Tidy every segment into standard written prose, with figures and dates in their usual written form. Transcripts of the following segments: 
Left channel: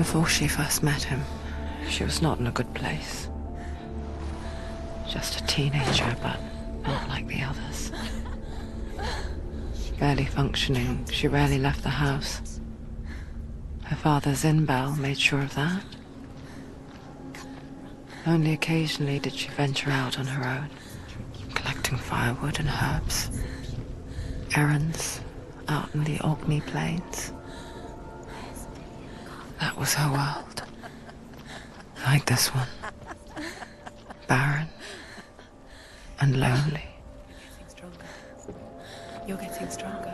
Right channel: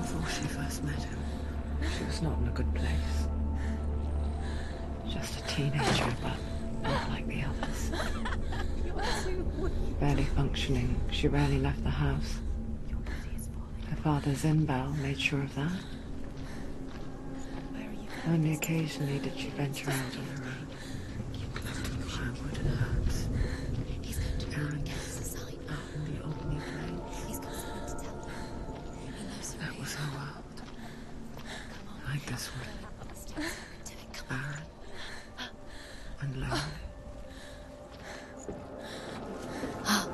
Before she first met him, she was not in a good place. Just a teenager, but not like the others. Barely functioning, she rarely left the house. Her father's in-bell made sure of that. Only occasionally did she venture out on her own, collecting firewood and herbs. Errands out in the Orkney Plains. That was her world. Like this one. Barren and lonely. You're getting stronger.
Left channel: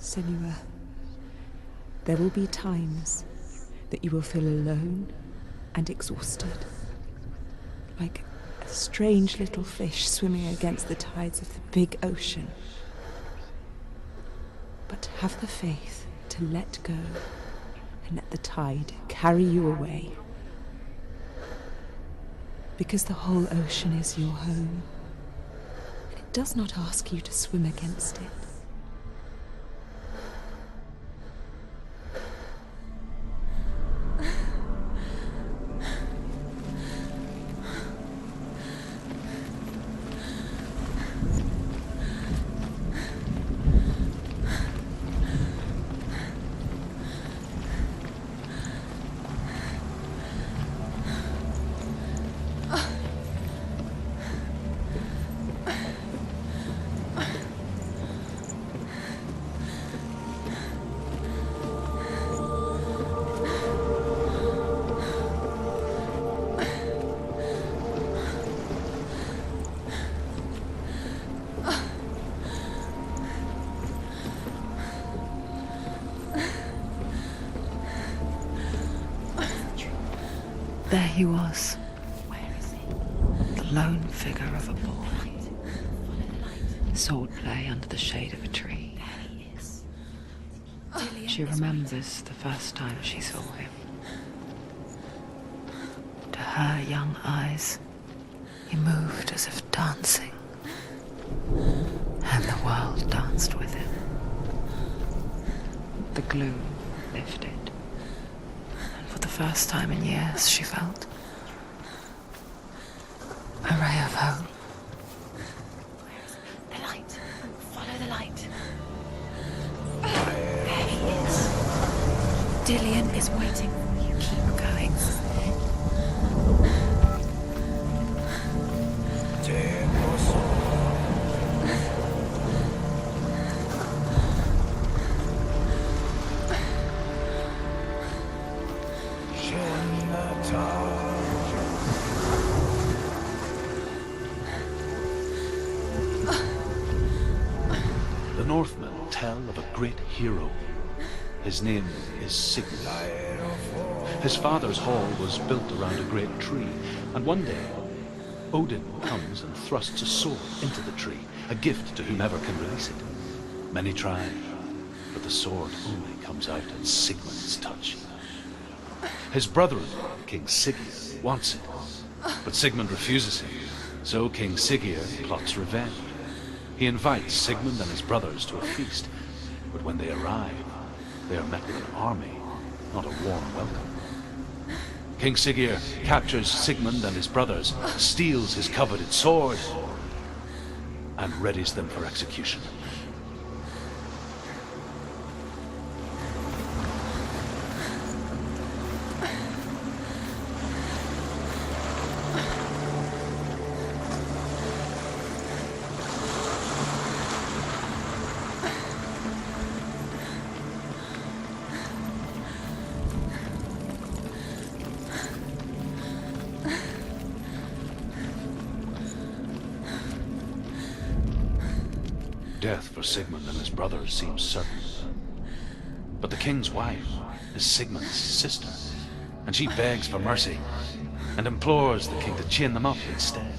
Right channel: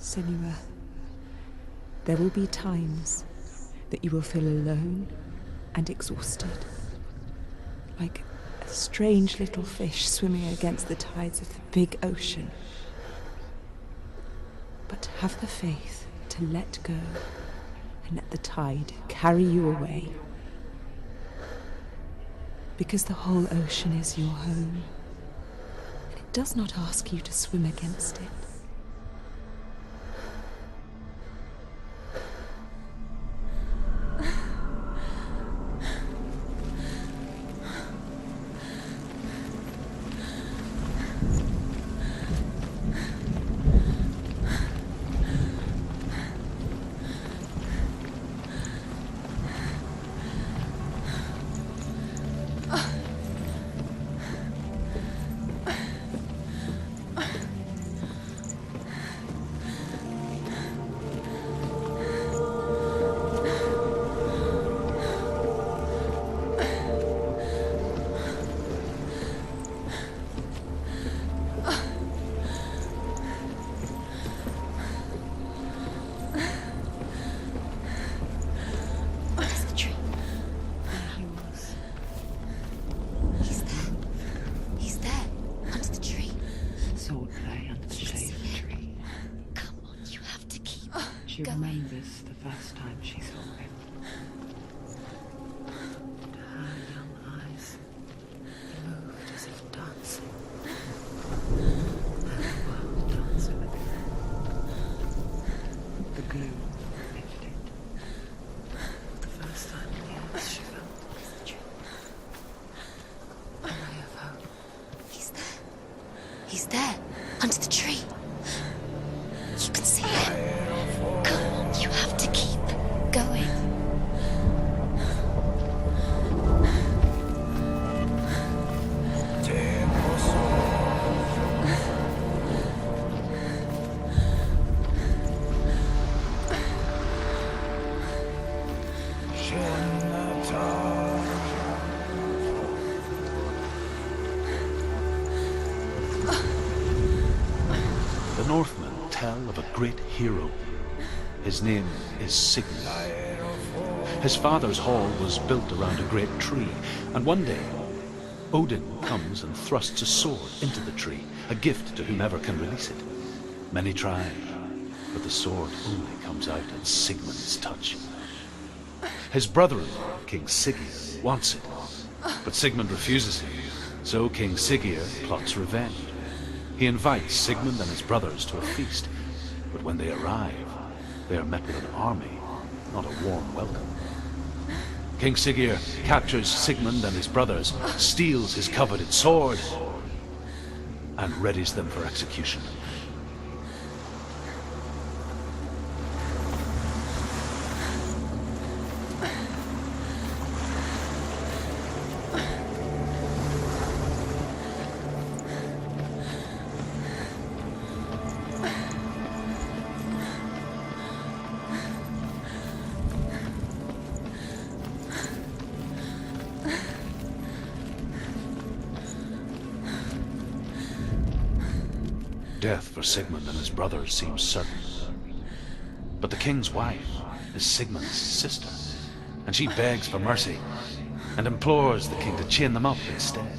Senua, there will be times that you will feel alone and exhausted, like a strange little fish swimming against the tides of the big ocean. But have the faith to let go and let the tide carry you away. Because the whole ocean is your home, and it does not ask you to swim against it. There he was, the lone figure of a boy. Swordplay under the shade of a tree. She remembers the first time she saw him. To her young eyes, he moved as if dancing, and the world danced with him. The gloom lifted. For the first time in years, she felt a ray of hope. He's there, under the tree. You can see him. Come, you have to keep Dillian is waiting. Keep going. The Northmen tell of a great hero. His name is Sigmund. His father's hall was built around a great tree, and one day, Odin comes and thrusts a sword into the tree, a gift to whomever can release it. Many try, but the sword only comes out at Sigmund's touch. His brother-in-law, King Siggeir, wants it, but Sigmund refuses him, So King Siggeir plots revenge. He invites Sigmund and his brothers to a feast, but when they arrive, they are met with an army, not a warm welcome. King Siggeir captures Sigmund and his brothers, steals his coveted sword, and readies them for execution. Death for Sigmund and his brothers seems certain. But the king's wife is Sigmund's sister, and she begs for mercy and implores the king to chain them up instead.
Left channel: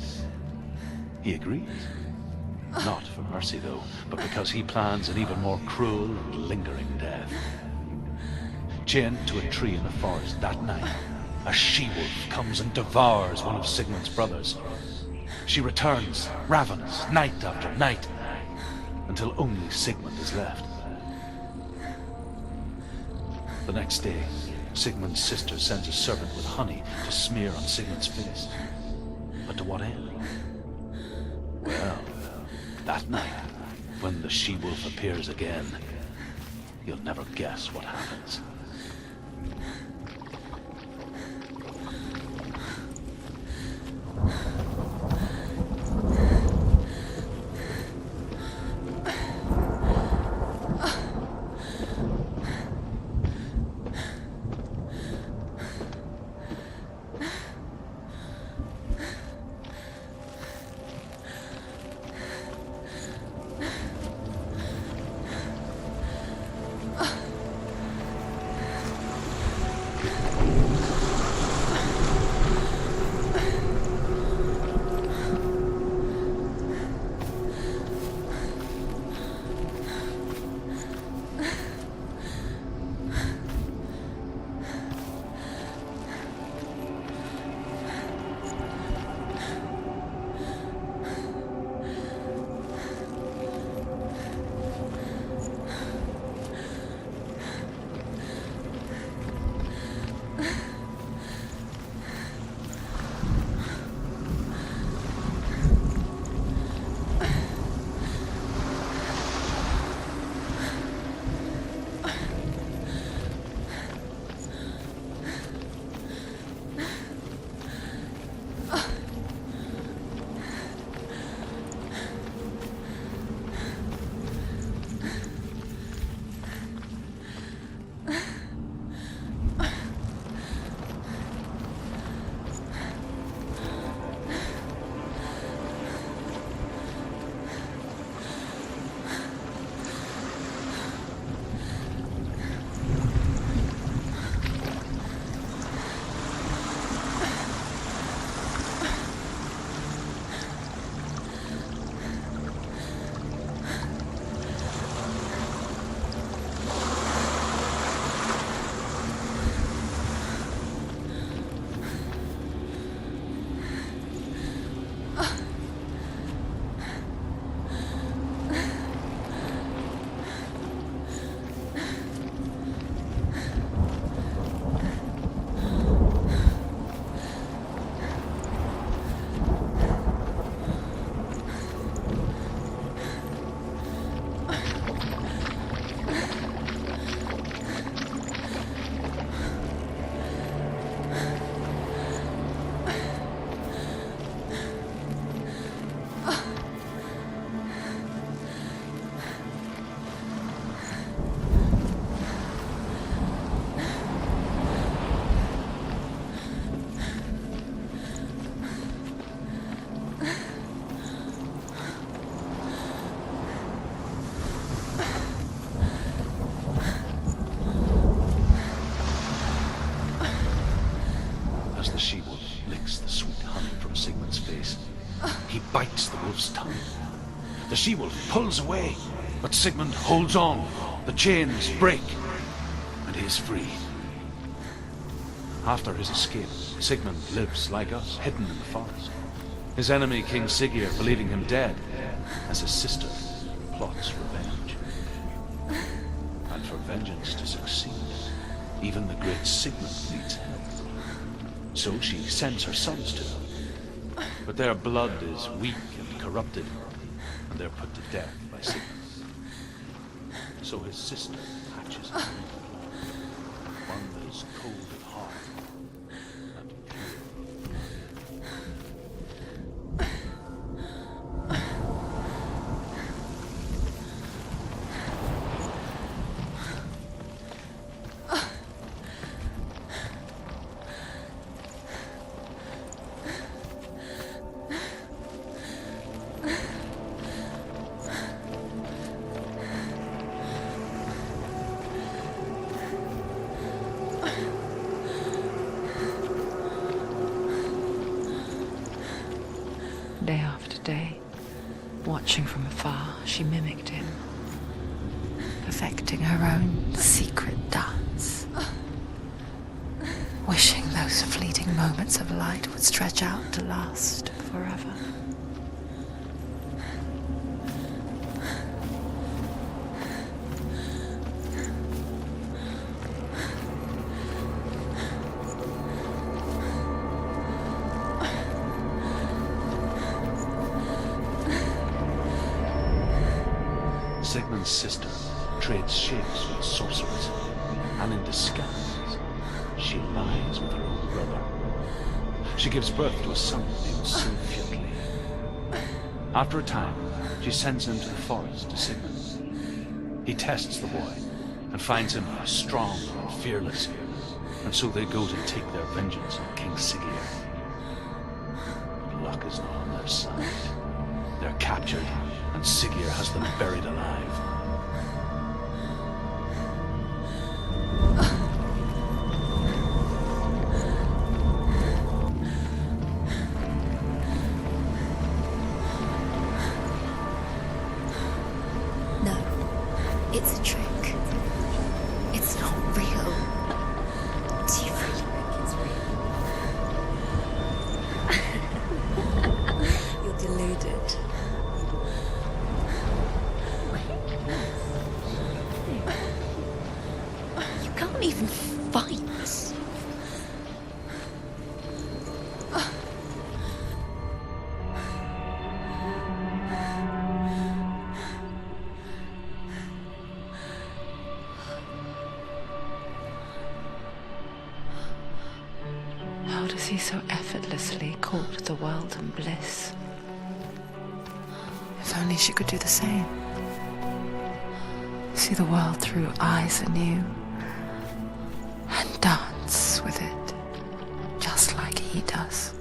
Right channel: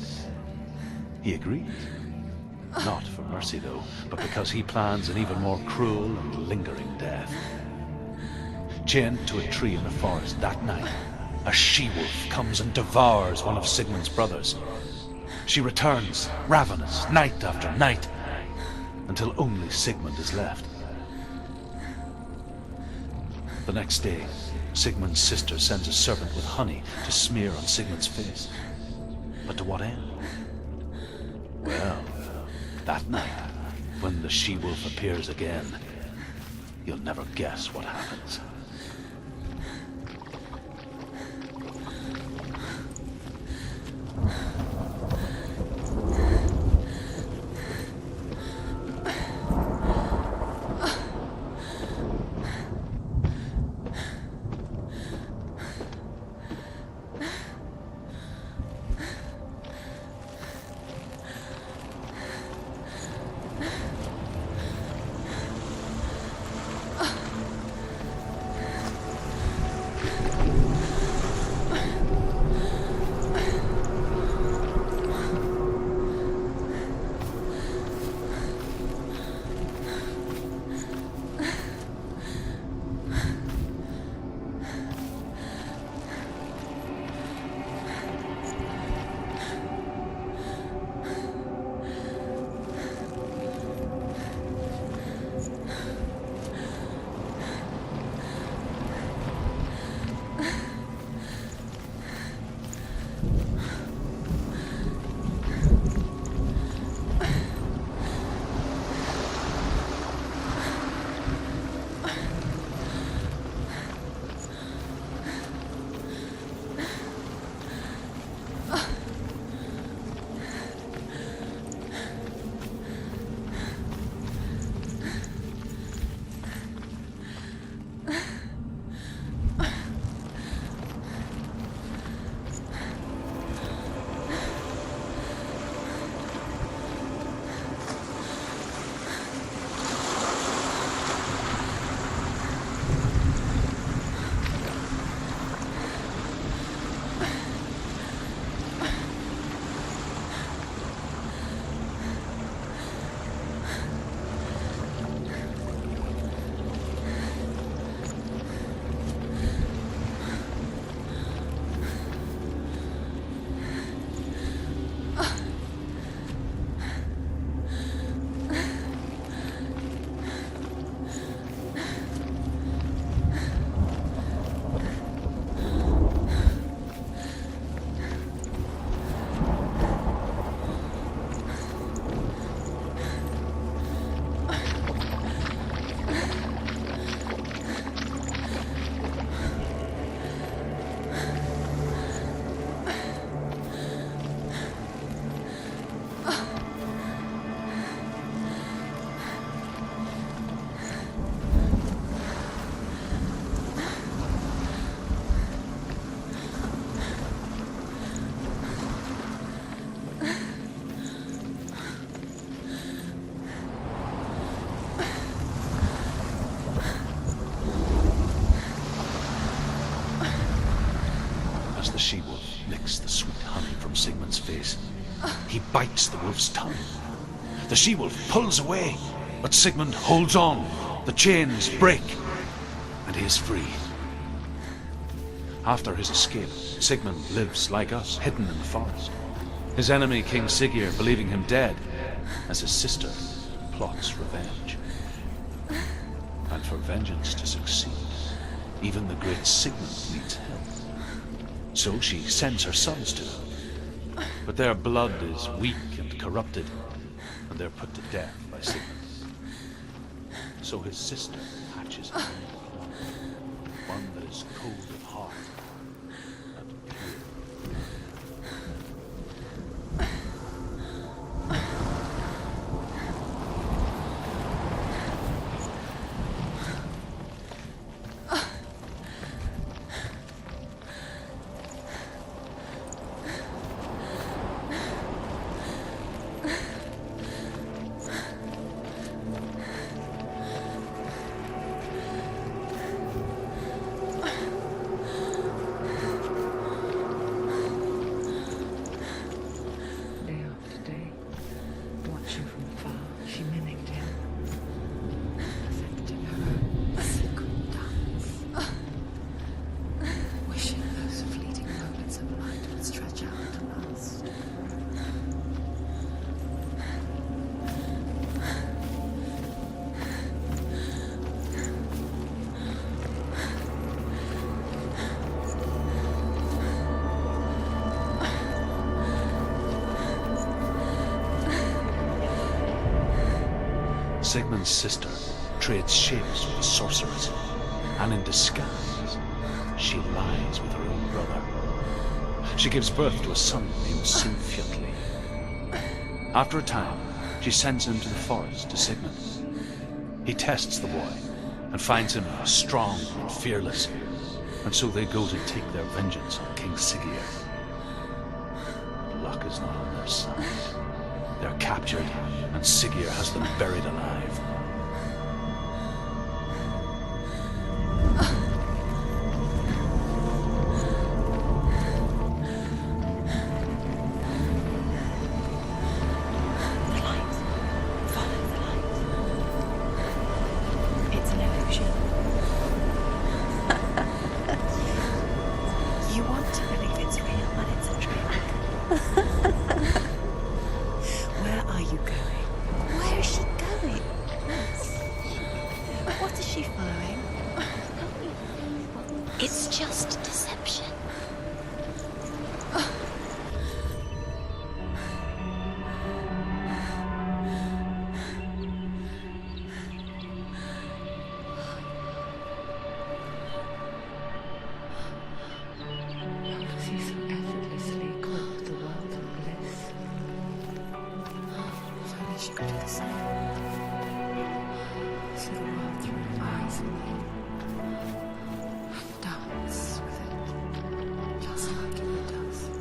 He agrees. Not for mercy, though, but because he plans an even more cruel and lingering death. Chained to a tree in the forest that night, a she-wolf comes and devours one of Sigmund's brothers. She returns, ravenous, night after night, until only Sigmund is left. The next day, Sigmund's sister sends a serpent with honey to smear on Sigmund's face. But to what end? Well, that night, when the she-wolf appears again, you'll never guess what happens. As the she-wolf licks the sweet honey from Sigmund's face, he bites the wolf's tongue. The she-wolf pulls away, but Sigmund holds on. The chains break, and he is free. After his escape, Sigmund lives like us, hidden in the forest. His enemy, King Siggeir, believing him dead, as his sister plots revenge. And for vengeance to succeed, even the great Sigmund needs help. So she sends her sons to him. But their blood is weak and corrupted, and they're put to death by Sigmund. So his sister hatches a new plan, one that is cold of heart and pure. Day after day, watching from afar, she mimicked him, perfecting her own secret dance, wishing those fleeting moments of light would stretch out to last forever. Sigmund's sister trades shapes with the sorceress, and in disguise, she lies with her own brother. She gives birth to a son named Sinfjotli. After a time, she sends him to the forest to Sigmund. He tests the boy and finds him strong and fearless, and so they go to take their vengeance on King Siggeir. But luck is not on their side. They're captured, and Siggeir has them buried alive. No, it's a trick. It's an illusion. It's not real. But you want to believe it's real, but it's a trick. You're deluded. Where are you going? Where is she going? What is she firing? You can't even fight. It's just deception. How does he so effortlessly court the world and bliss? If only she could do the same. See the world through eyes anew and dance with it, just like he does.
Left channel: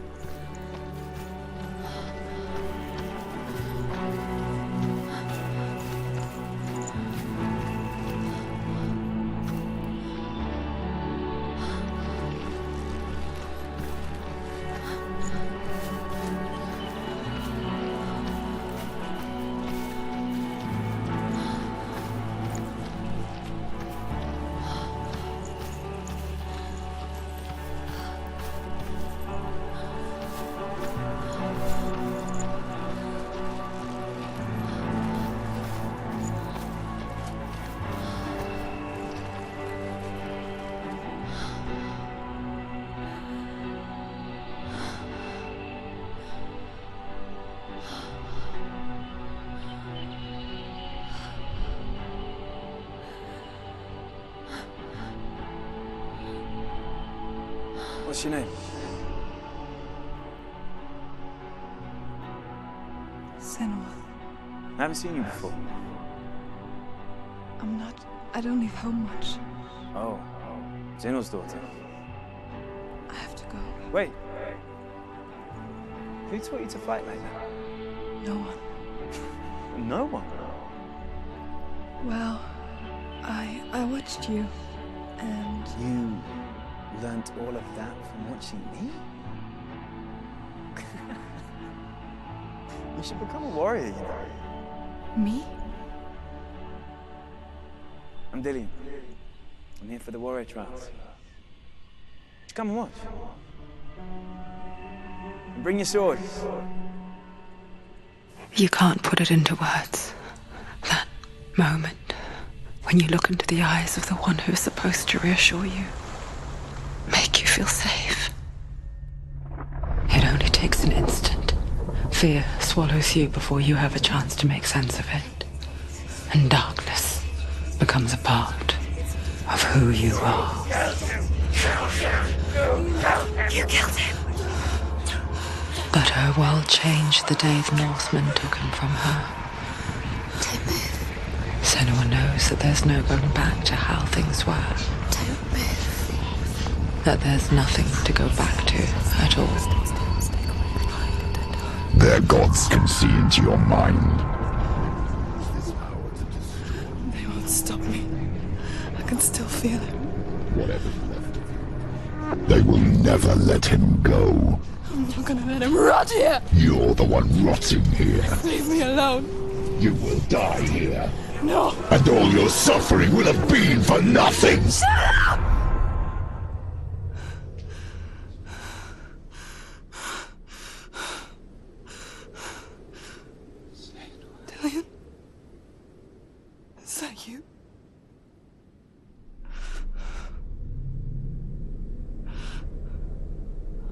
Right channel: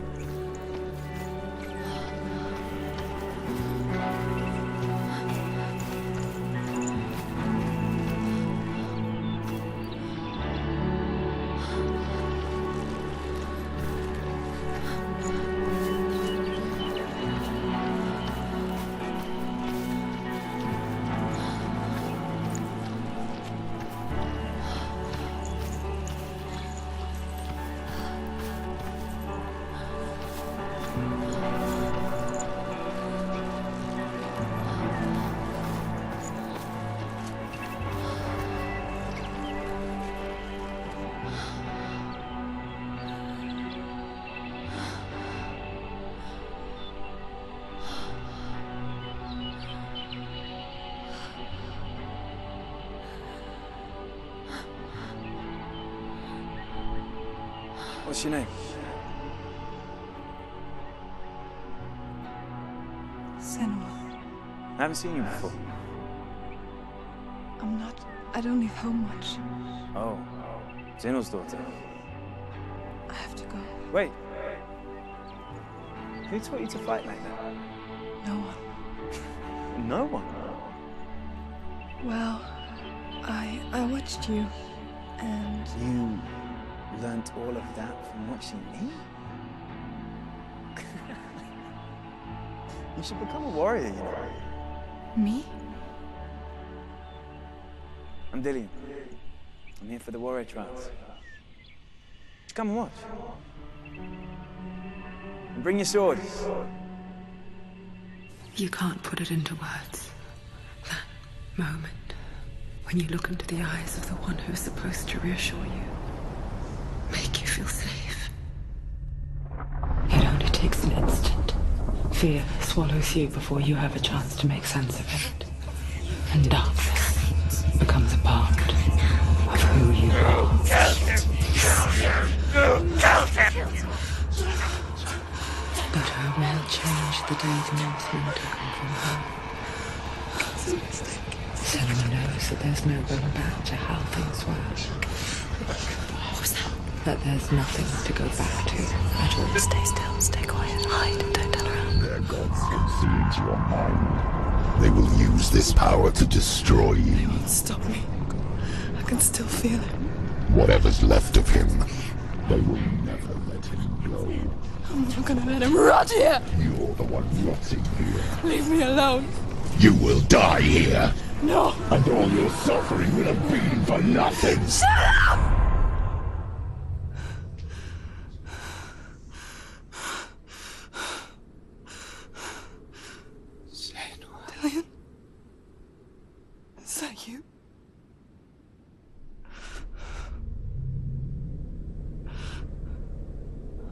What's your name? Senua, I haven't seen you before. I don't leave home much. Oh, Zenua's daughter. I have to go. Wait. Who taught you to fight like that? No one. No one. Well, I watched you, and You learnt all of that from watching me? You should become a warrior, you know. me? I'm Dillian. I'm here for the warrior trials. Come and watch. And bring your sword. You can't put it into words. That moment when you look into the eyes of the one who is supposed to reassure you, make you feel safe. It only takes an instant. Fear swallows you before you have a chance to make sense of it. And darkness becomes a part of who you are. You killed him. But her world changed the day the Northmen took him from her. Senua knows that there's no going back to how things were. That there's nothing to go back to at all. Stay still, stay quiet, hide, don't tell her. Their gods can see into your mind. They will use this power to destroy you. They won't stop me. I can still feel him. Whatever's left of him, they will never let him go. I'm not gonna let him rot here! You're the one rotting here. Leave me alone! You will die here. No! And all your suffering will have been for nothing. Shut up! Dillian? Is that you?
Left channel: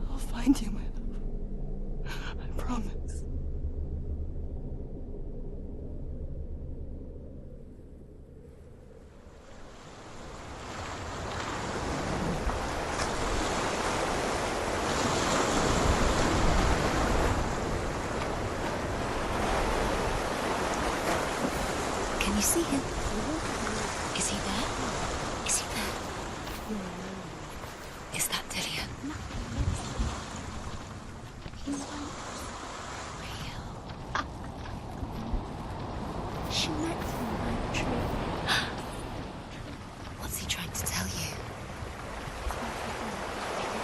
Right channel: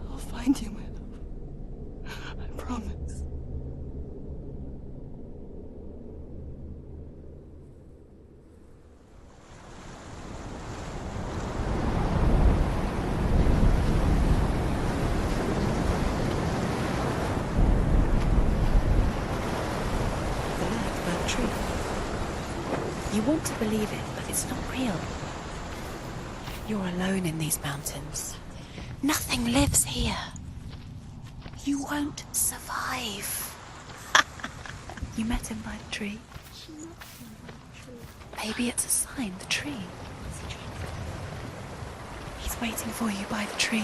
I'll find you, my love. I promise. Can you see him? You want to believe it. Is he there? Real? Is he there? You're alone in these mountains. Is that Dillian? Nothing lives here. You won't survive. You met him by the tree. She met him by the tree. Maybe it's a sign, the tree. What's he trying to tell you? He's waiting for you by the tree.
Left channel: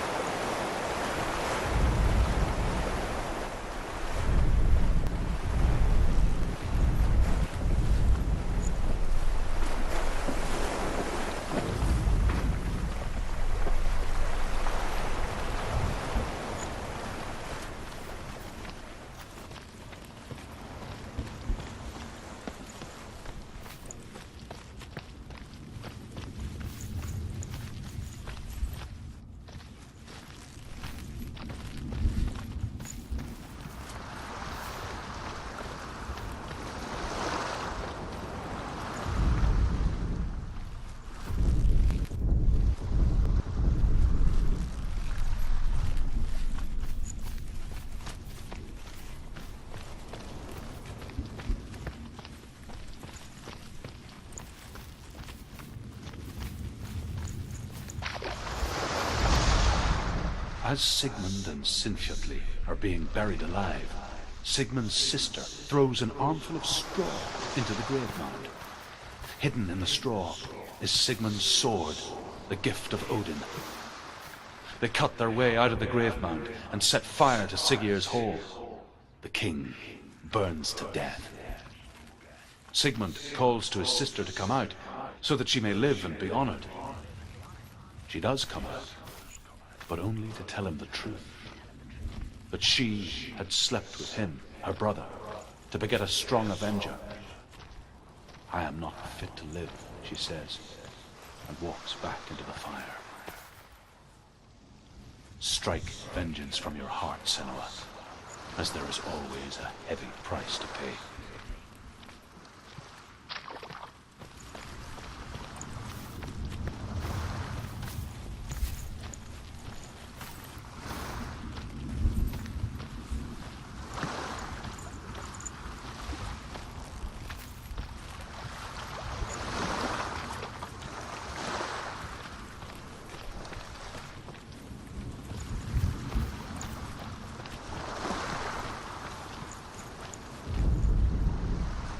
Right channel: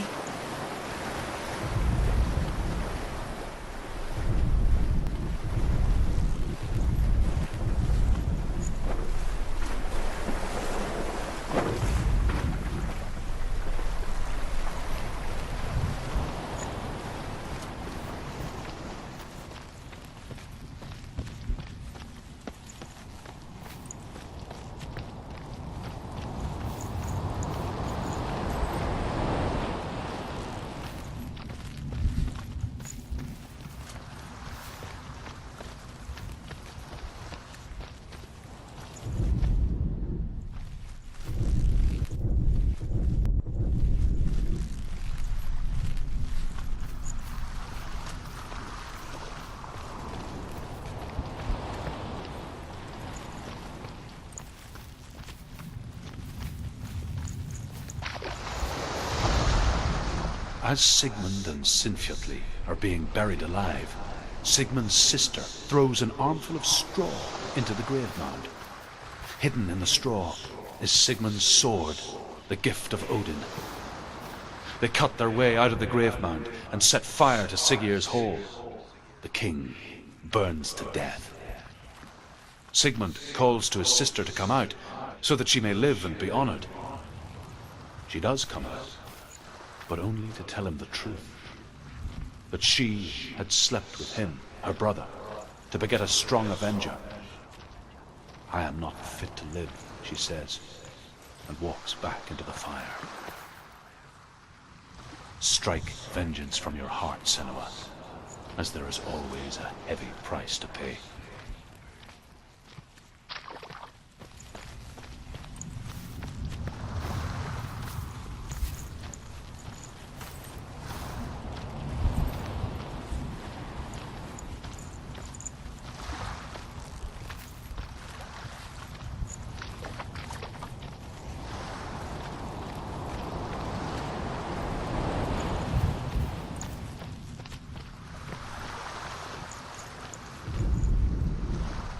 As Sigmund and Sinfjotli are being buried alive, Sigmund's sister throws an armful of straw into the grave mound. Hidden in the straw is Sigmund's sword, the gift of Odin. They cut their way out of the grave mound and set fire to Siggeir's hall. The king burns to death. Sigmund calls to his sister to come out so that she may live and be honored. She does come out, but only to tell him the truth. That she had slept with him, her brother, to beget a strong avenger. I am not fit to live, she says, and walks back into the fire. Strike vengeance from your heart, Senua, as there is always a heavy price to pay.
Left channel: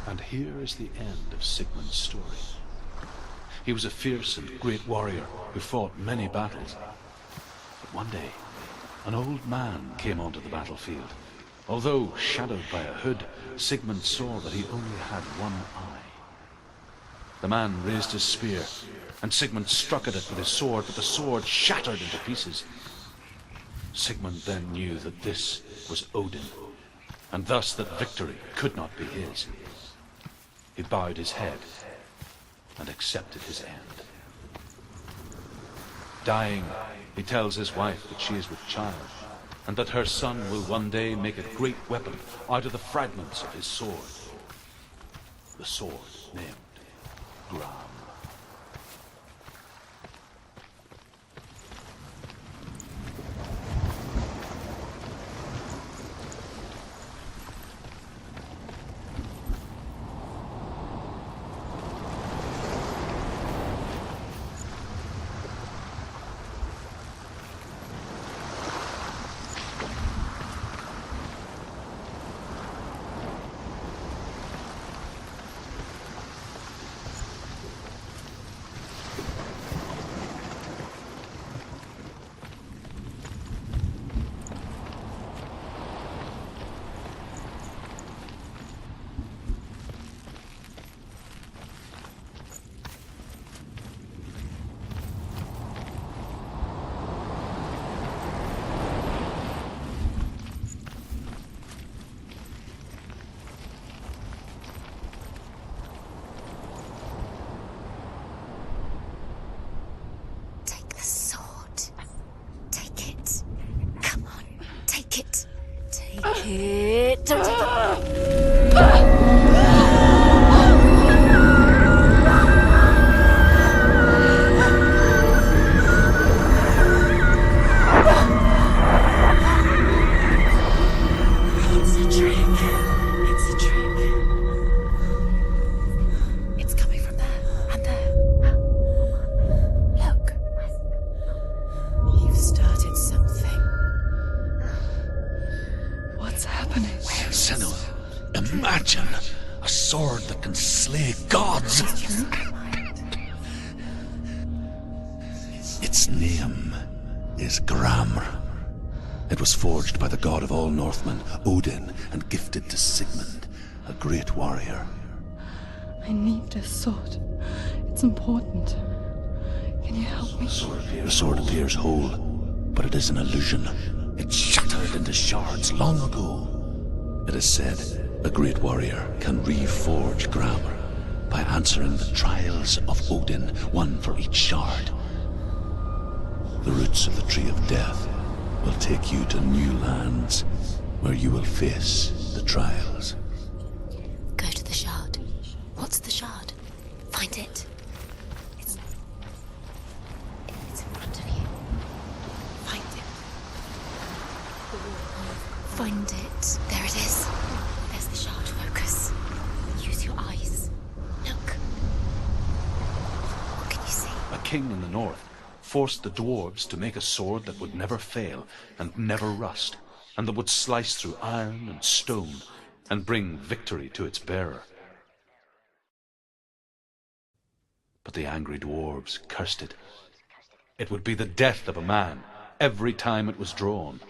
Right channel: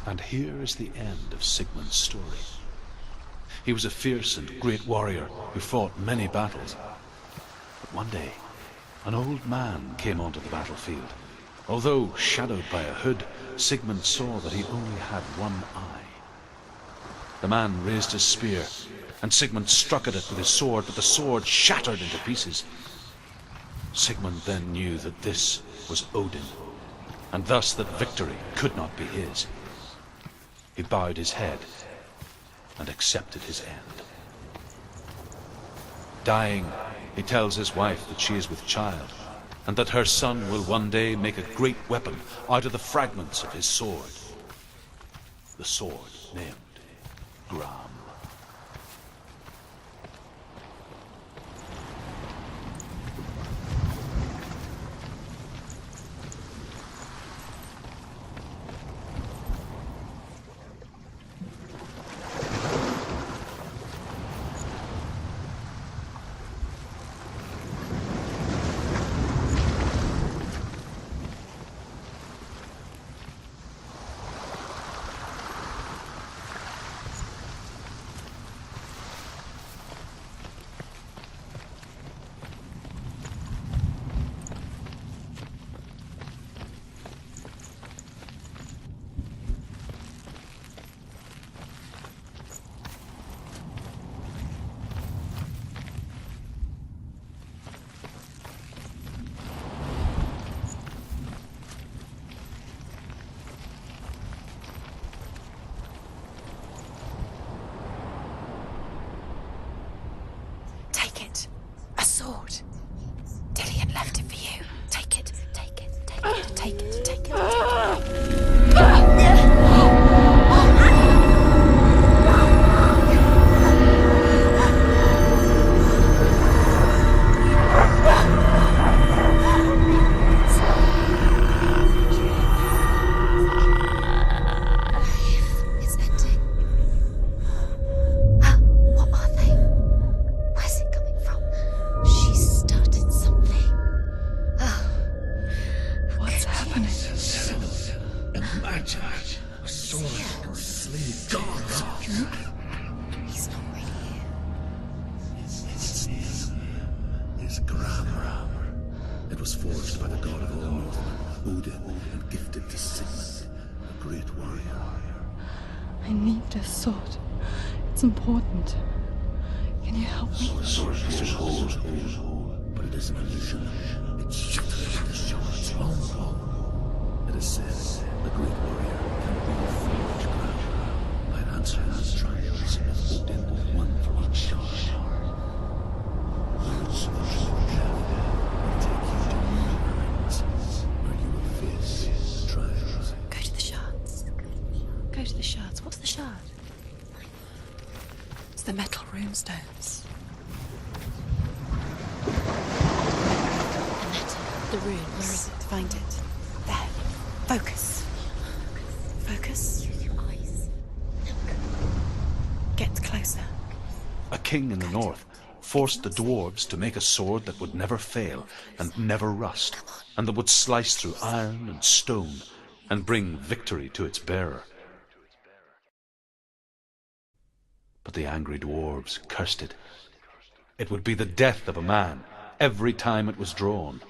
And here is the end of Sigmund's story. He was a fierce and great warrior who fought many battles. But one day, an old man came onto the battlefield. Although shadowed by a hood, Sigmund saw that he only had one eye. The man raised his spear, and Sigmund struck at it with his sword, but the sword shattered into pieces. Sigmund then knew that this was Odin, and thus that victory could not be his. He bowed his head and accepted his end. Dying, he tells his wife that she is with child, and that her son will one day make a great weapon out of the fragments of his sword. The sword named Gram. Imagine a sword that can slay gods. Its name is Gramr. It was forged by the god of all Northmen, Odin, and gifted to Sigmund, a great warrior. I need this sword. It's important. Can you help me? The sword appears whole, but it is an illusion. It shattered into shards long ago. It is said a great warrior can reforge Gramr by answering the trials of Odin, one for each shard. The roots of the Tree of Death will take you to new lands where you will face the trials. Go to the shards. Go to the shard. Go to the shards. What's the shard? Find it. It's the metal runestones. It's in front of you. Find it. And that, the runes. Find it. There it is. Focus. There's the shard. Focus. Focus. Use your eyes. Look. Get closer. What can you see? A king in the north forced the dwarves to make a sword that would never fail and never rust, and that would slice through iron and stone and bring victory to its bearer. But the angry dwarves cursed it. It would be the death of a man every time it was drawn,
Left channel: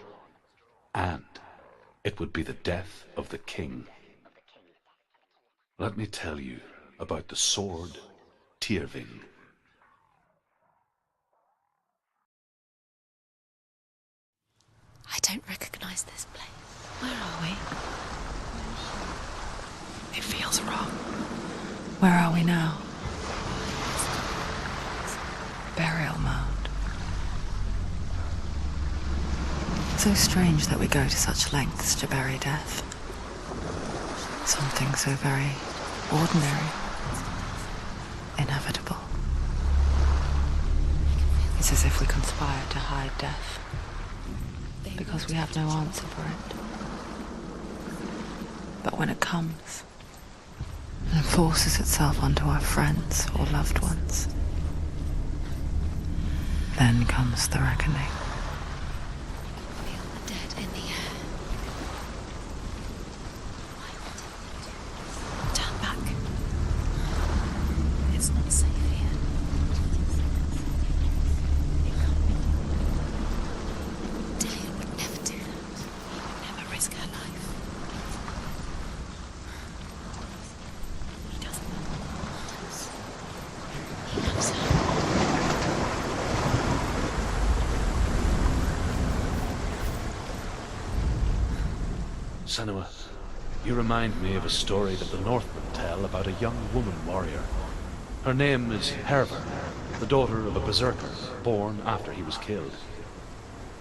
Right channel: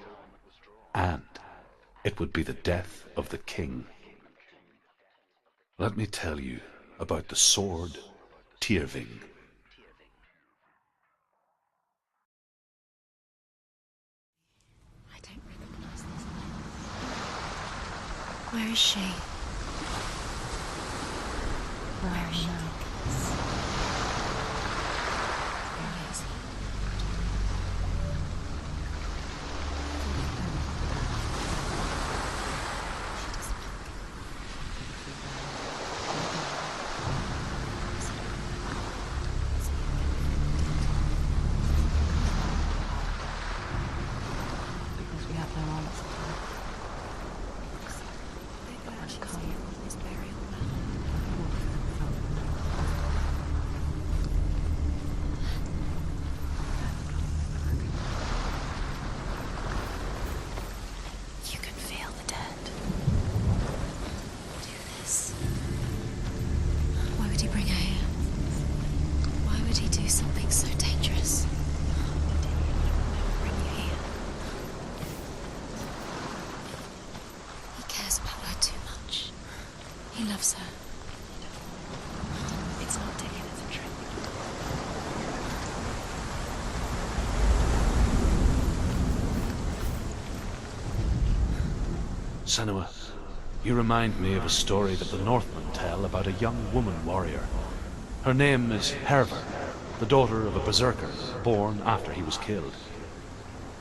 and it would be the death of the king. Let me tell you about the sword Tyrving. I don't recognize this place. Where are we? Where is she? It feels wrong. Where are we now? Burial mound. So strange that we go to such lengths to bury death. Something so very ordinary, inevitable. It's as if we conspire to hide death, because we have no answer for it. But when it comes, and forces itself onto our friends or loved ones, then comes the reckoning. Dead in the air. You can feel the dead. Do this. Turn back. Why would he bring her? It's not safe here. Why would he do something so dangerous? Dead would never do that. Never risk her life. He cares about her too much. He loves her. He doesn't. It's not Dilly that's true. He loves her. Senua, You remind me of a story that the Northmen tell about a young woman warrior. Her name is Herver, the daughter of a berserker born after he was killed.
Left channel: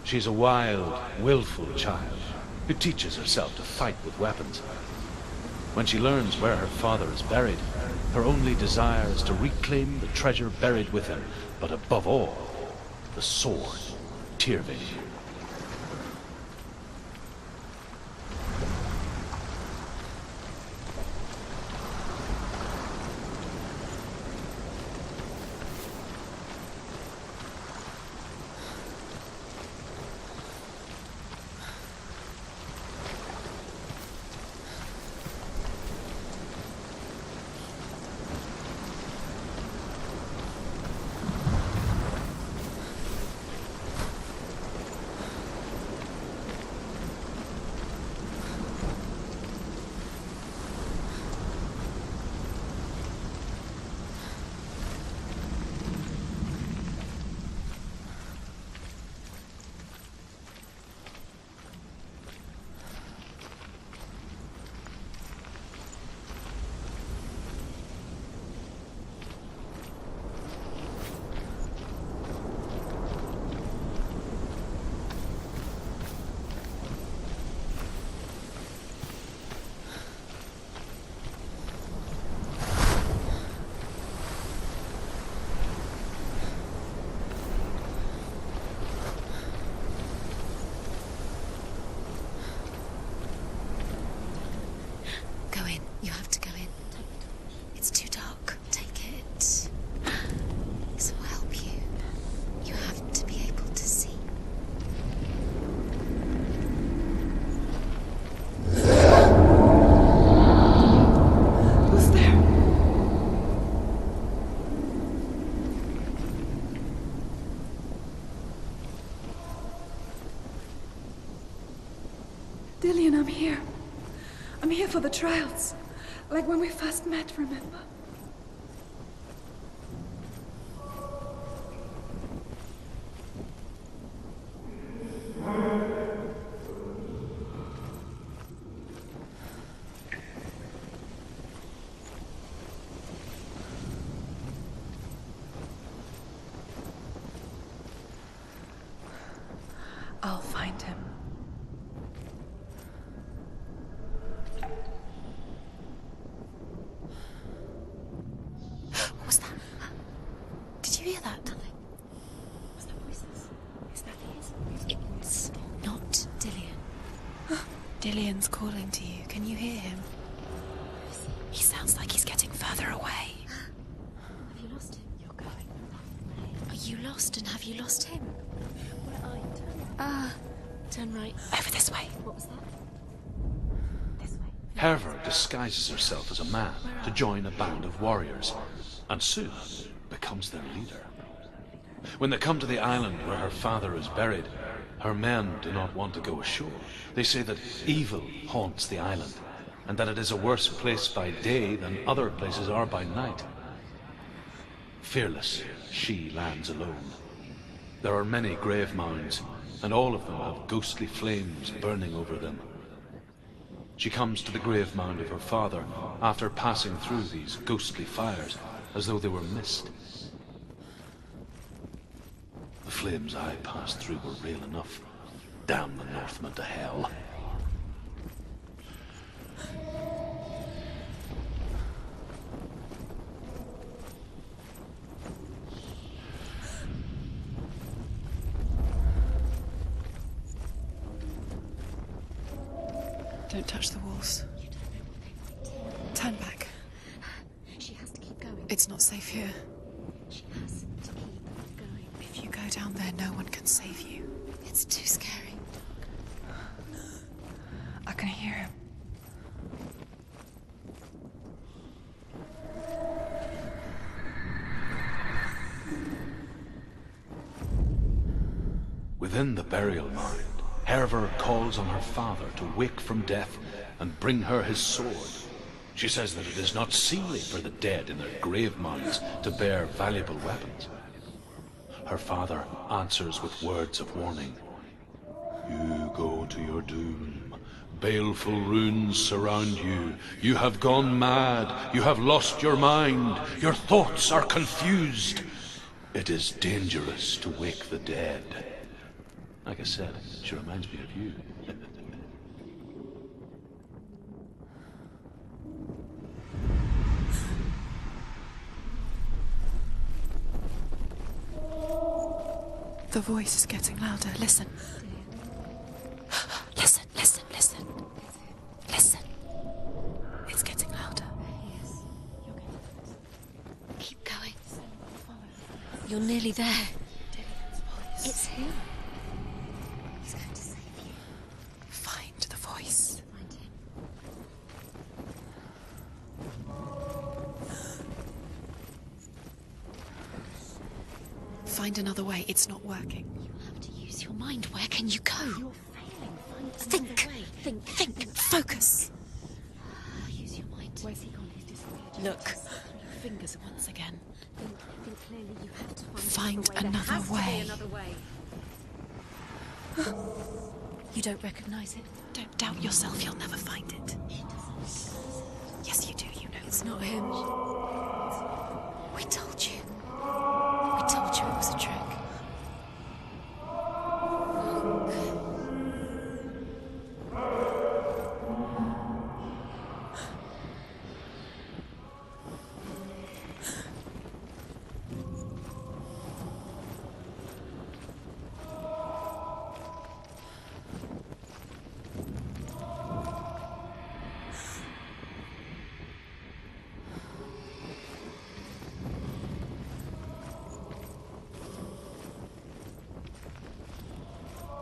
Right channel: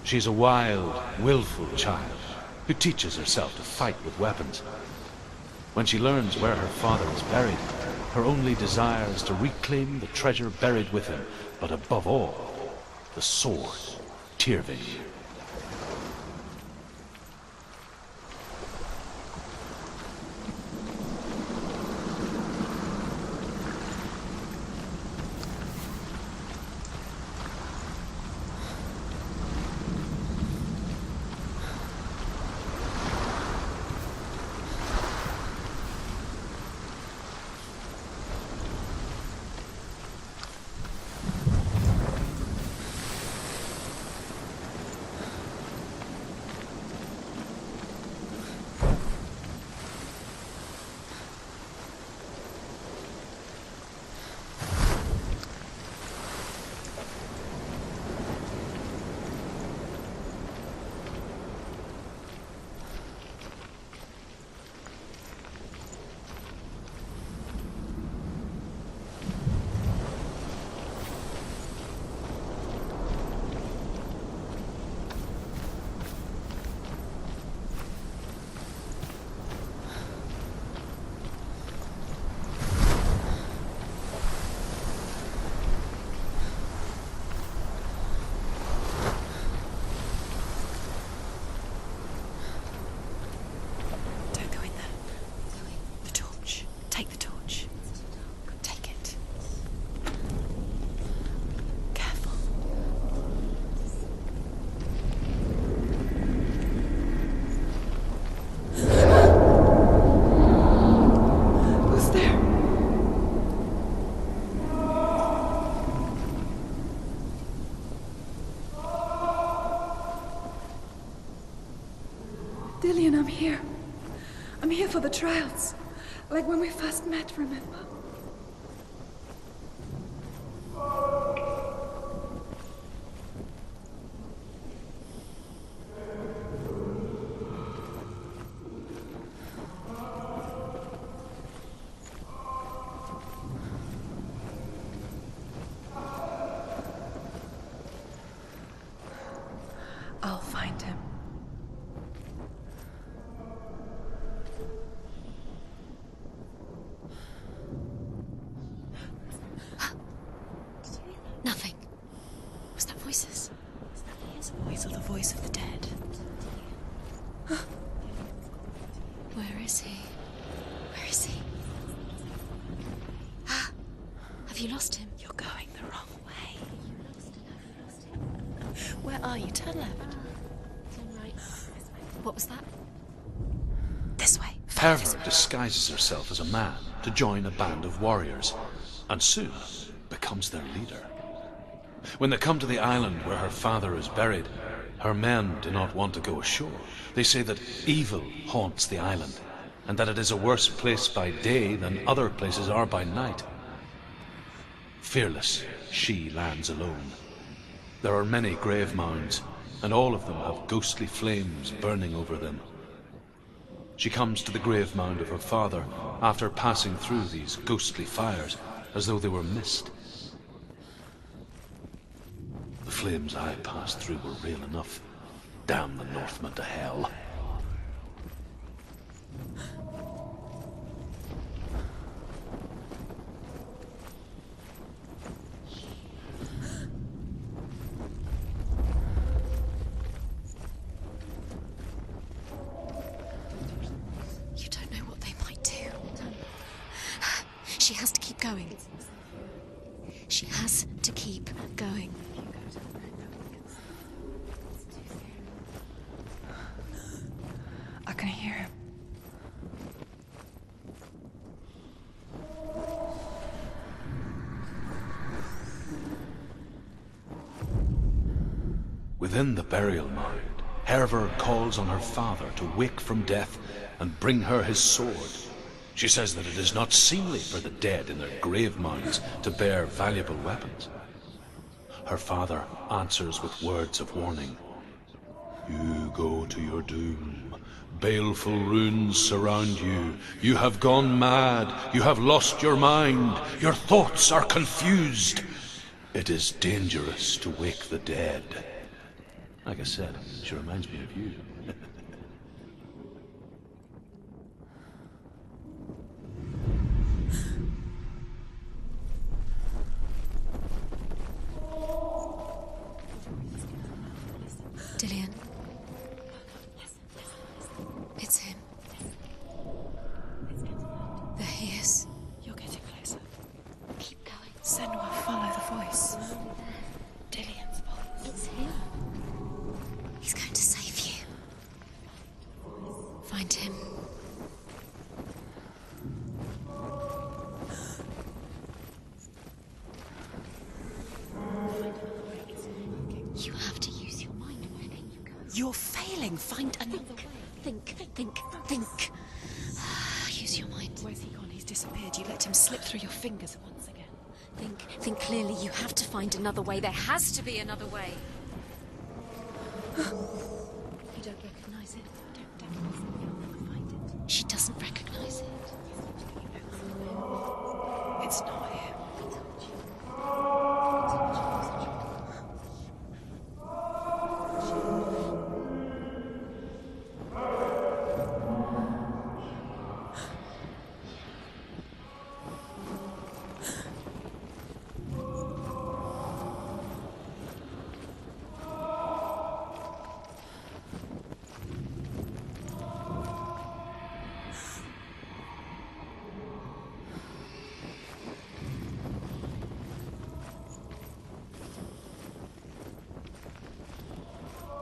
She's a wild, willful child who teaches herself to fight with weapons. When she learns where her father is buried, her only desire is to reclaim the treasure buried with him, but above all, the sword, Tyrving. Dillian, I'm here. I'm here for the trials. Like when we first met, remember? I'll find him. What was that? Did you hear that? Nothing. Was that voices? Yes, it is. These are the voices dead. Not Dillian. Dillian's calling to you. Can you Where is hear? he? Where is he? He sounds like he's getting further away. Have you lost him? You're going the wrong way. Are you lost, and have you lost him? Where are you? Turn left. Turn right. Over this way. What was that? This way. Herver disguises herself as a man to join a band of warriors, and soon becomes their leader. When they come to the island where her father is buried, her men do not want to go ashore. They say that evil haunts the island, and that it is a worse place by day than other places are by night. Fearless, she lands alone. There are many grave mounds, and all of them have ghostly flames burning over them. She comes to the grave mound of her father after passing through these ghostly fires, as though they were mist. The flames I passed through were real enough. Damn the Northmen to hell. Don't touch the walls. You don't know what they might do. Turn back. She has to keep going. It's not safe here. She has to keep going. If you go down there, no one can save you. It's too scary. I can hear him. Within the burial mound, Herver calls on her father to wake from death and bring her his sword. She says that it is not seemly for the dead in their grave mounds to bear valuable weapons. Her father answers with words of warning. You go to your doom. baleful runes surround you. You have gone mad. You have lost your mind. Your thoughts are confused. It is dangerous to wake the dead. Like I said, she reminds me of you. The voice is getting louder. Listen. Dillian, Listen, listen, listen. it's him. Listen. It's getting louder. There he is. You're getting closer. Keep going. Senua, follow the voice. You're nearly there. Dillian's voice. It's him. He's going to save you. Find the voice. Find him. Find another way. It's not working. You have to use your mind. Where can you go? You're failing. Find another way. Think. Focus. Use your mind. Where's he gone? He's disappeared. You let him slip through your fingers once again. Think clearly. You have to find another way. There another has to way. be another way. You don't recognize it? Don't doubt yourself. You'll never find it. She doesn't recognize it. Yes, you do. You know It's not him. It's not him. We told you. We told you it was a trick.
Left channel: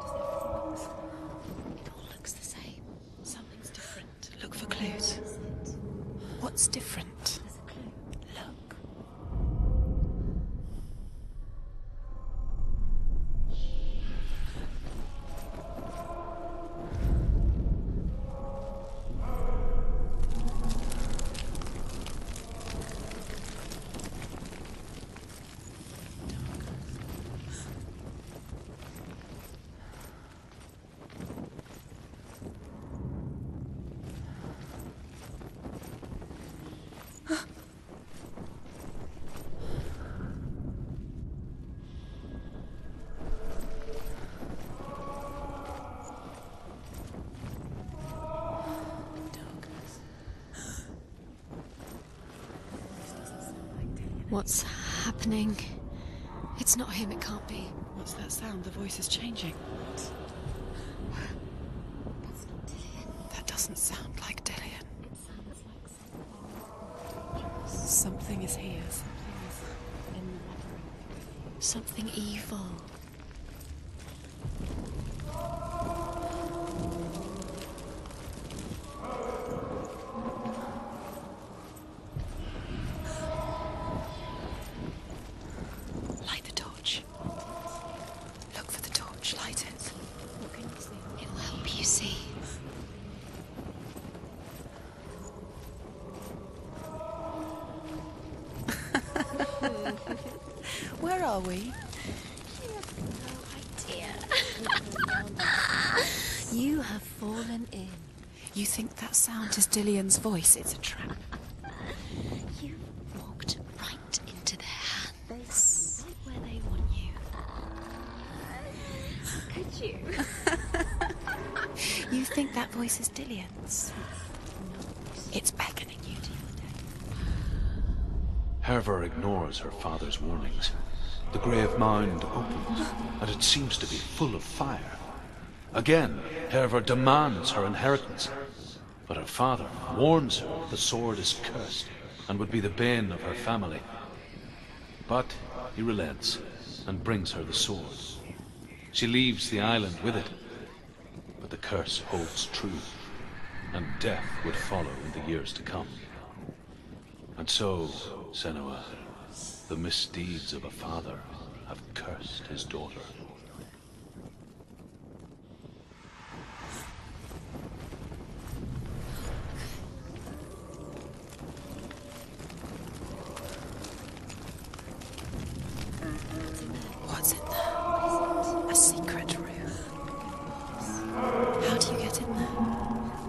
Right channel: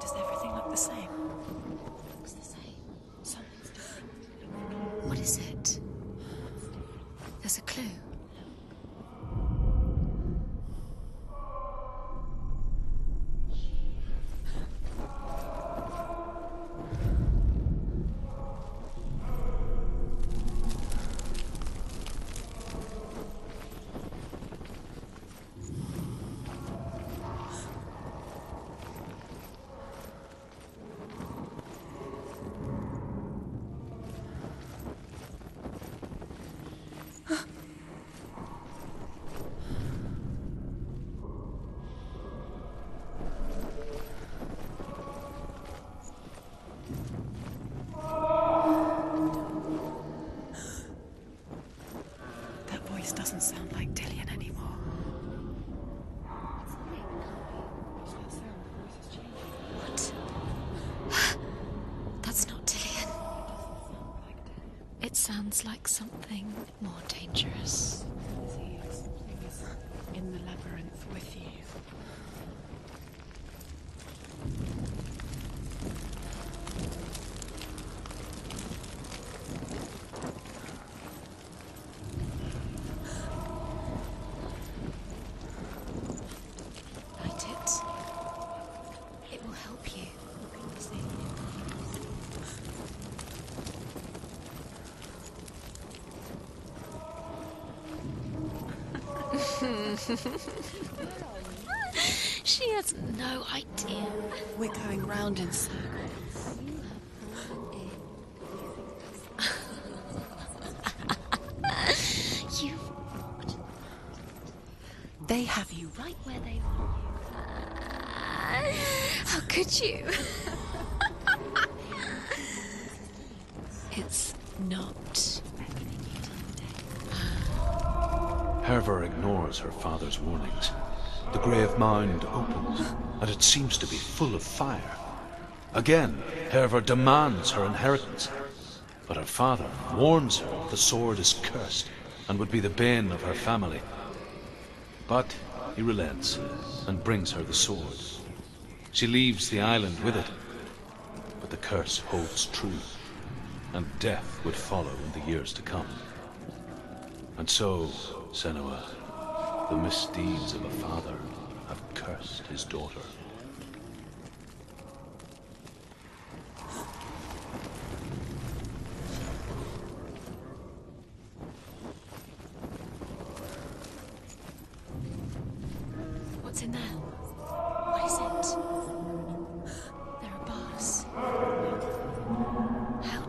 Does everything look the same? All looks the same. Something's different. Look for clues. What is it? What's different? There's a clue. Look. That voice doesn't sound like Dillian What's happening? It's not him. It can't be. What's that sound? The voice is changing. What? That's not Dillian. That doesn't sound like Dillian. It sounds like something more dangerous. Something is here. Something is in the labyrinth with you. Something evil. Light the torch. Light it. Look for the torch. Light it. It'll help you see. Where are we? She has no idea. We're going round in circles. You have fallen in. You think that sound is Dillian's voice? It's a trap. You walked right into their hands. They have you right where they want you. How could you? You think that voice is Dillian's? It's not. It's beckoning you to the dead. Herver ignores her father's warnings. The grave mound opens, and it seems to be full of fire. Again, Herver demands her inheritance, but her father warns her the sword is cursed and would be the bane of her family. But he relents and brings her the sword. She leaves the island with it, but the curse holds true, and death would follow in the years to come. And so, Senua, the misdeeds of a father have cursed his daughter. What's in there? What's in there? What is it? A secret room. There are bars. How do you get in there? How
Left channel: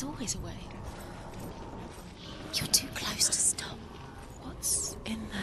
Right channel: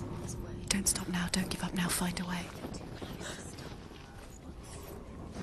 There's always a way. Don't stop now, don't give up now, find a way. You're too close to stop. What's in there?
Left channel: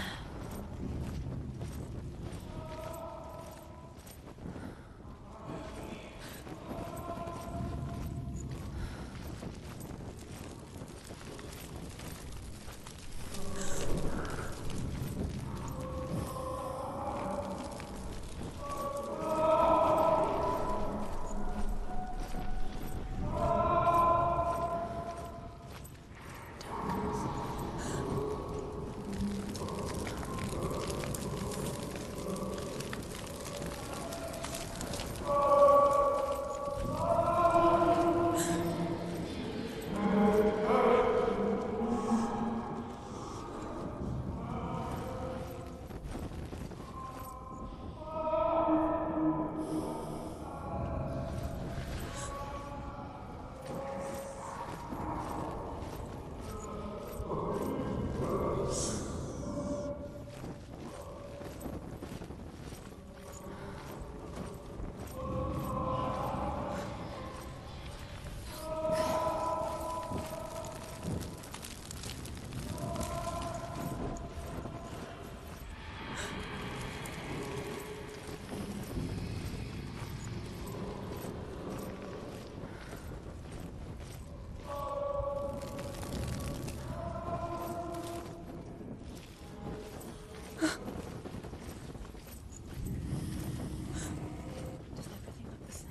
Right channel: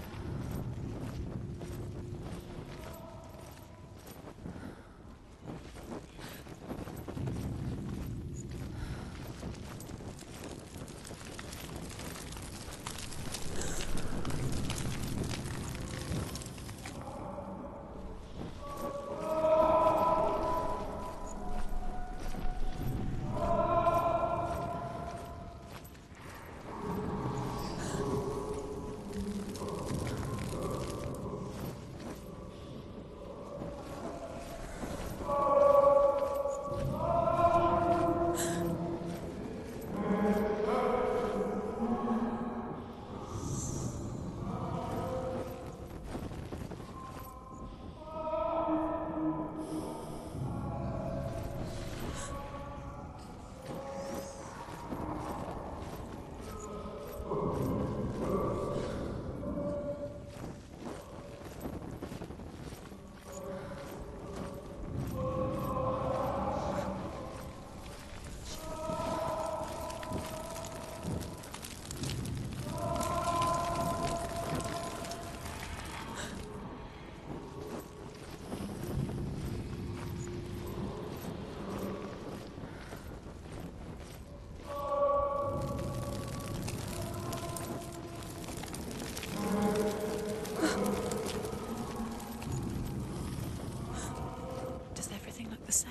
Does everything look the same?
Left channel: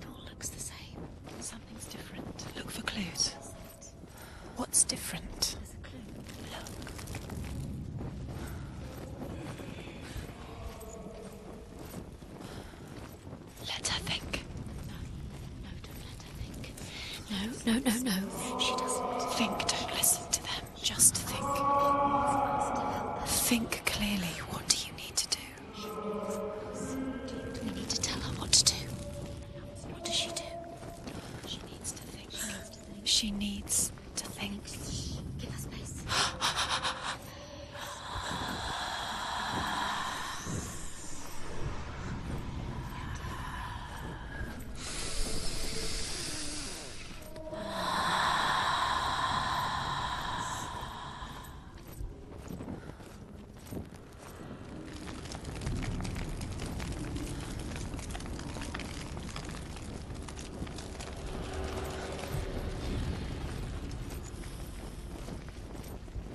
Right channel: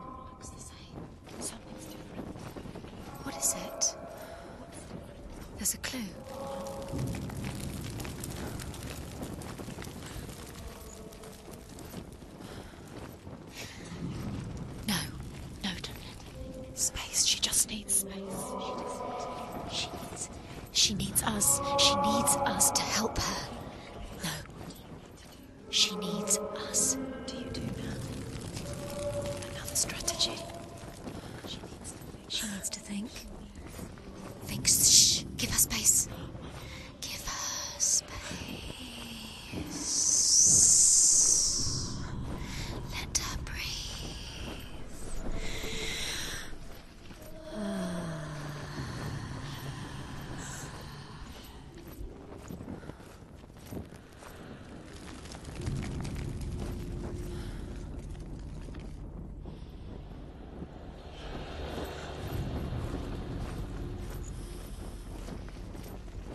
It all looks the same. Something's different. Look for clues. What is it? What's different? There's a clue. Let her think. No. No, don't let her think. Space. She No, just no, needs no, no. She doesn't. think. Don't listen to them. She needs us. She needs us to help her. Think clearly. What do you need to do? She needs us. Do you need to tell her what to do? Another strategy. She needs to think. She needs to think. She needs to think. Think. Shh. Give her space. Give her space. Let her breathe.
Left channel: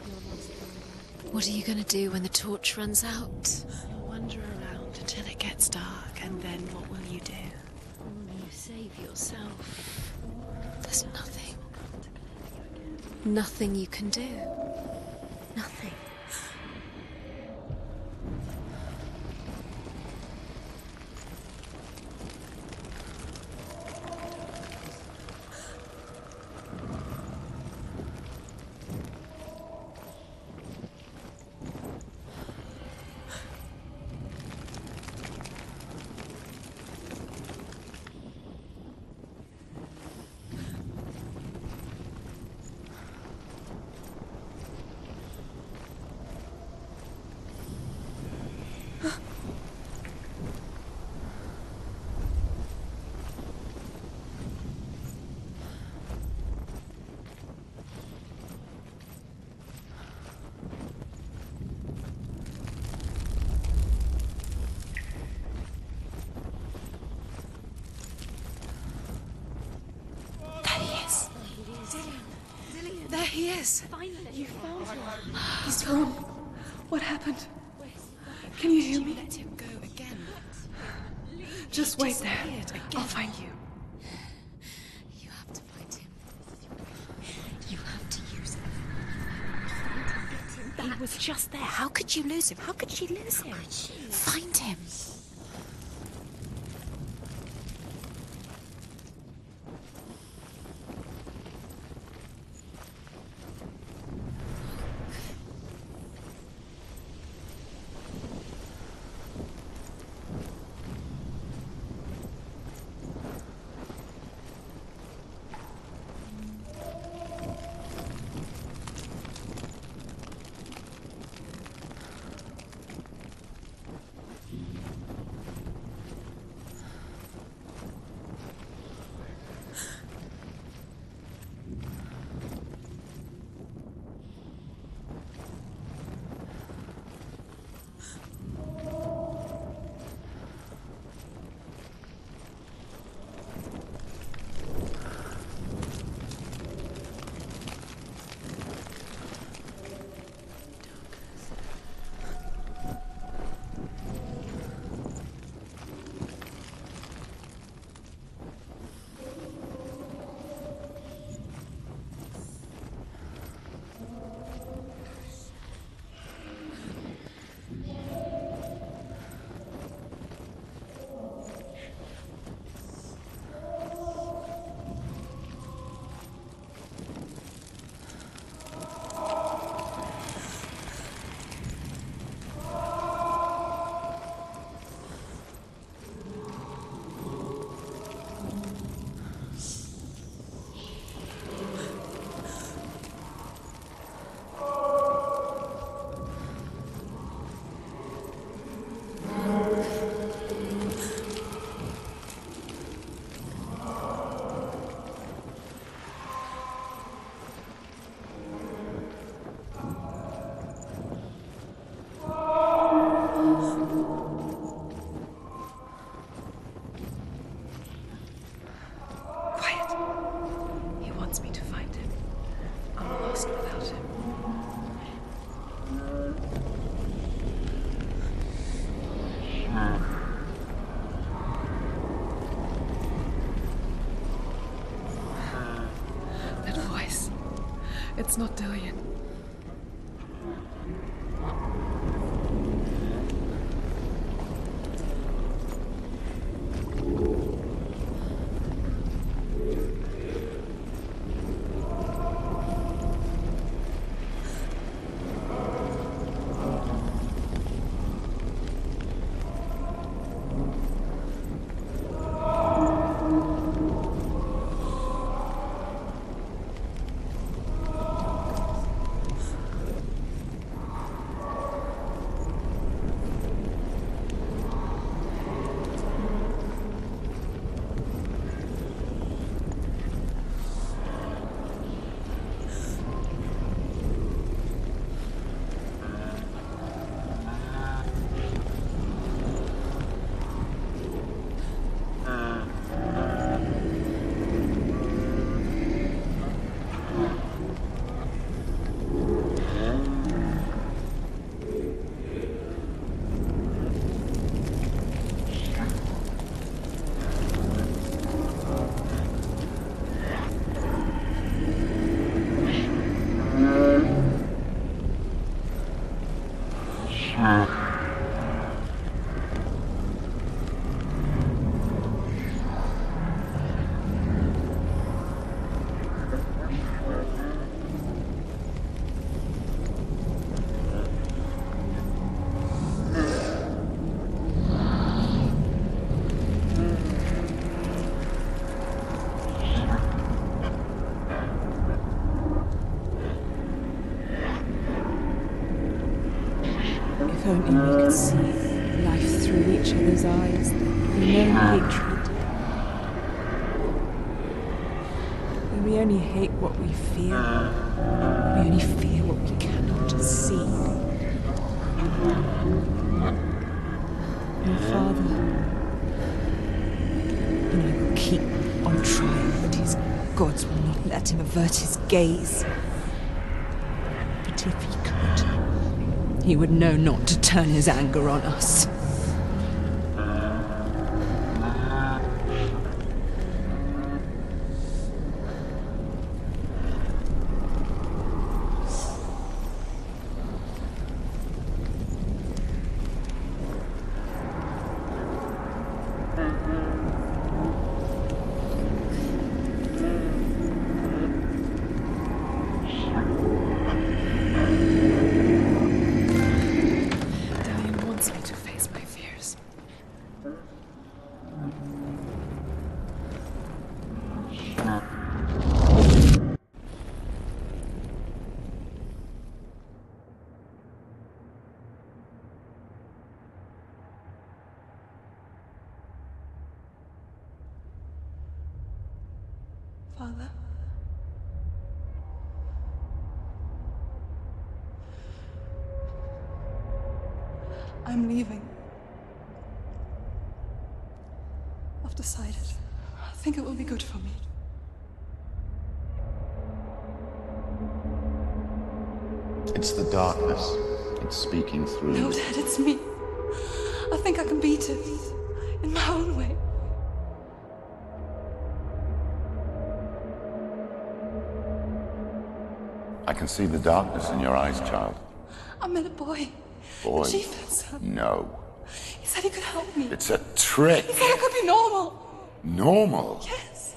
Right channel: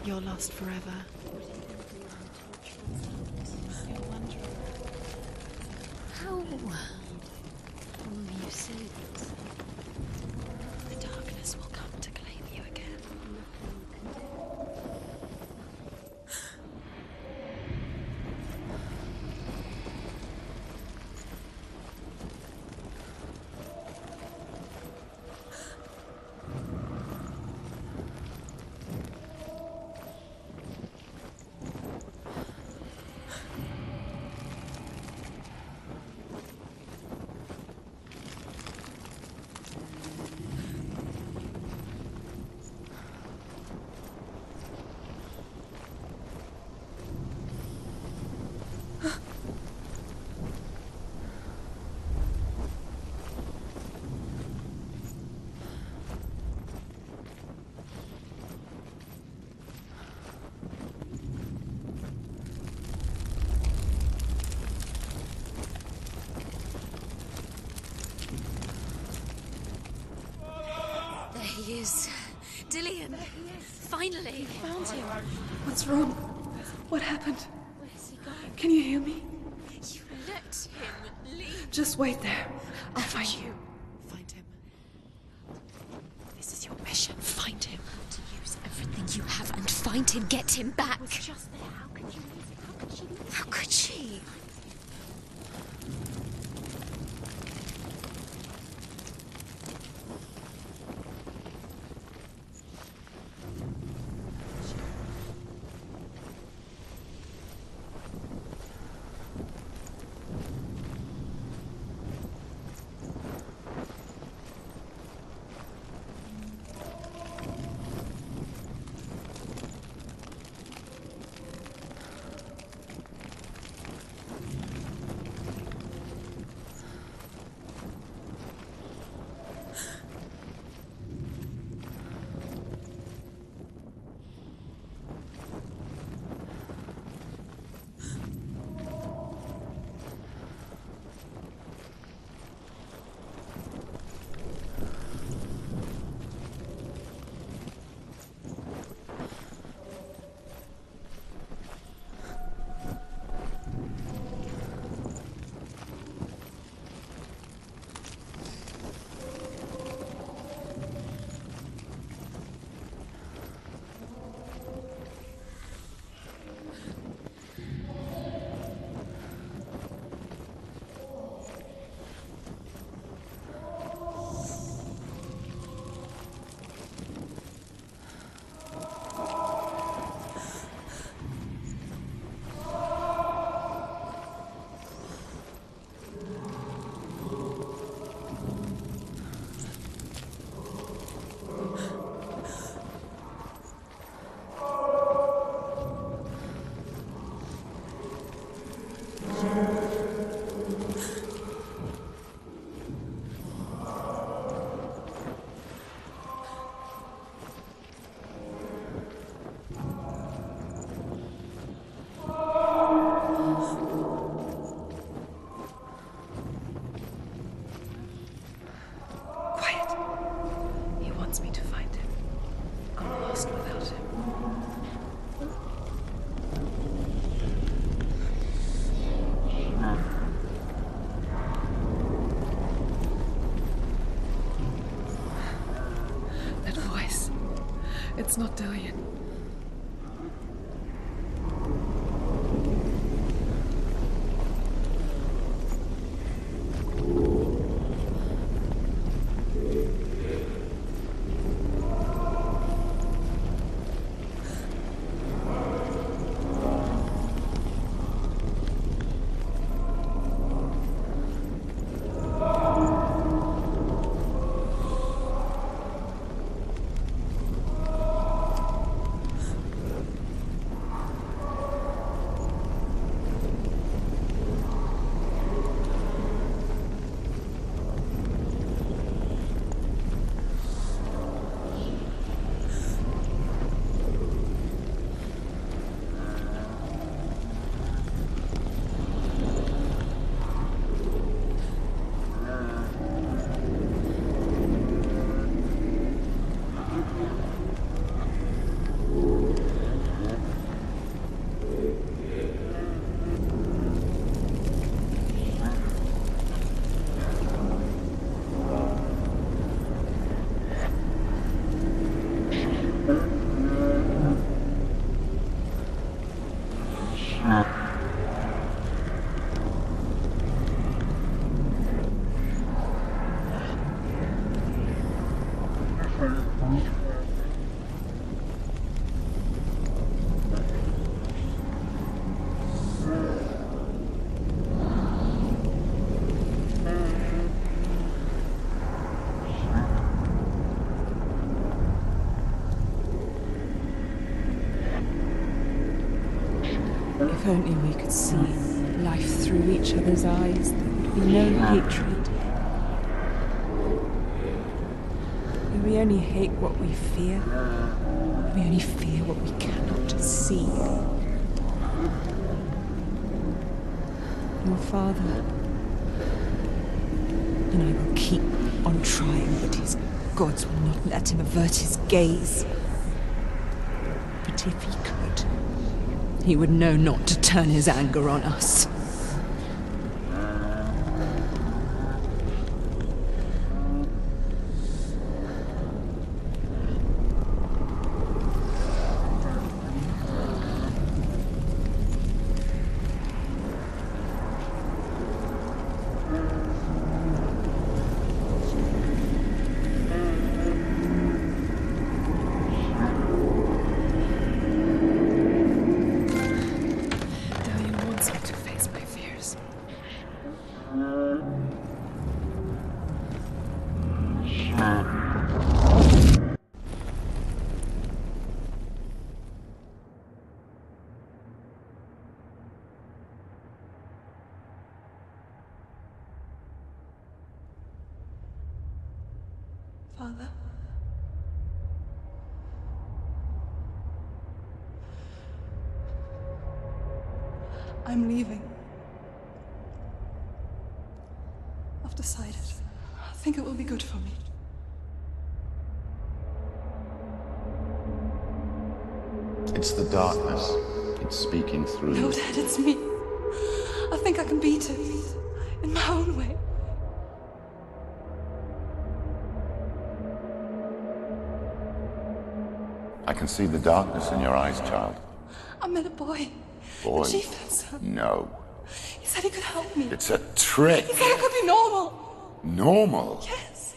You're lost forever. What are you going to do when the torch runs out? You'll wander around until it gets dark, and then what will you do? You save yourself. There's nothing. Will come to claim you again. Nothing you can do. Nothing. There he is. Dillian. There he is. Finally. Found him. What's wrong? What happened? Can you hear me? Just wait there. I'll find you. You have to find him. This is your mission. Find him. You have to use everything you have and find him. Get him back. He was just there. How could you lose him? How could she lose How him? could she? Find him. It's not Dillian. If only we could see life through each other's eyes, there would be no hatred. Where we only hate what we fear, we only fear what we cannot see. Your father, and I will keep on trying, but his gods will not let him avert his gaze. But if he could, he would know not to turn his anger on us. Father? I'm leaving. I've decided. I think it will be good for me. It's the darkness. It's speaking through. No, Dad, it's me. I think I can beat it. In my own way. I can see the darkness in your eyes, child. I met a boy. Boy? The chief said so. No. He said he could help me. It's a trick. He said I could be normal. Normal? Yes.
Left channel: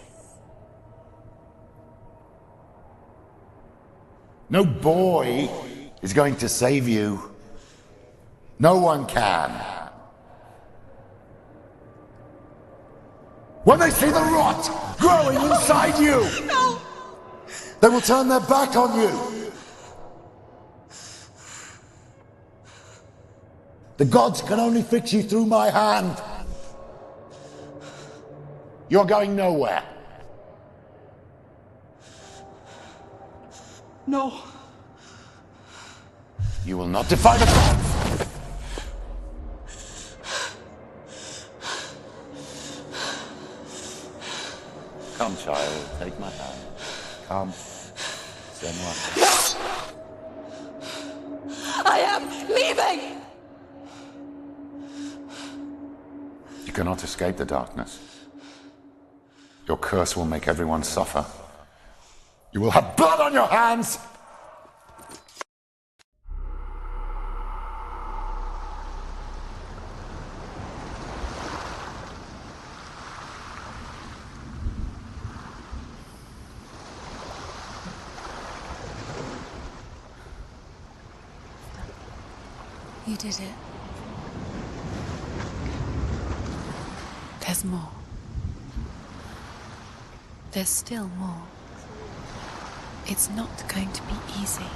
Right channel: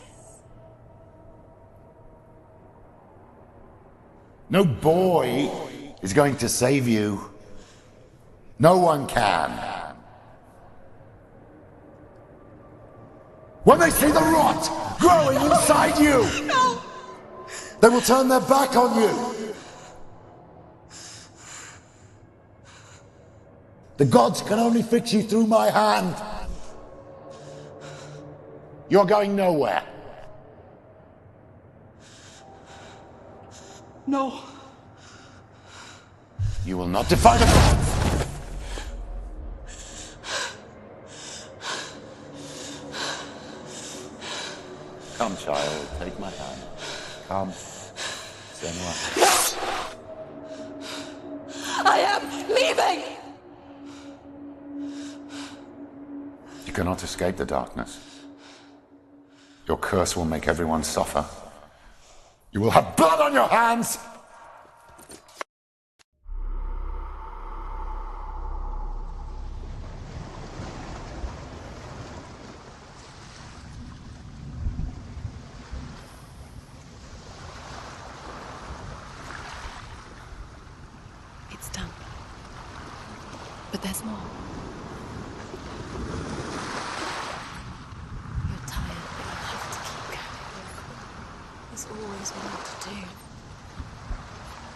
No boy is going to save you. No one can. When they see the rot growing inside you, No! they will turn their back on you. The gods can only fix you through my hand. You're going nowhere. No. You will not defy the gods. Come, child, take my hand. Come. Senua. I am leaving! You cannot escape the darkness. Your curse will make everyone suffer. You will have blood on your hands You did it. But there's more. There's more. You're tired. You have to keep going. There's still more. There's always more to do. It's not going to be easy.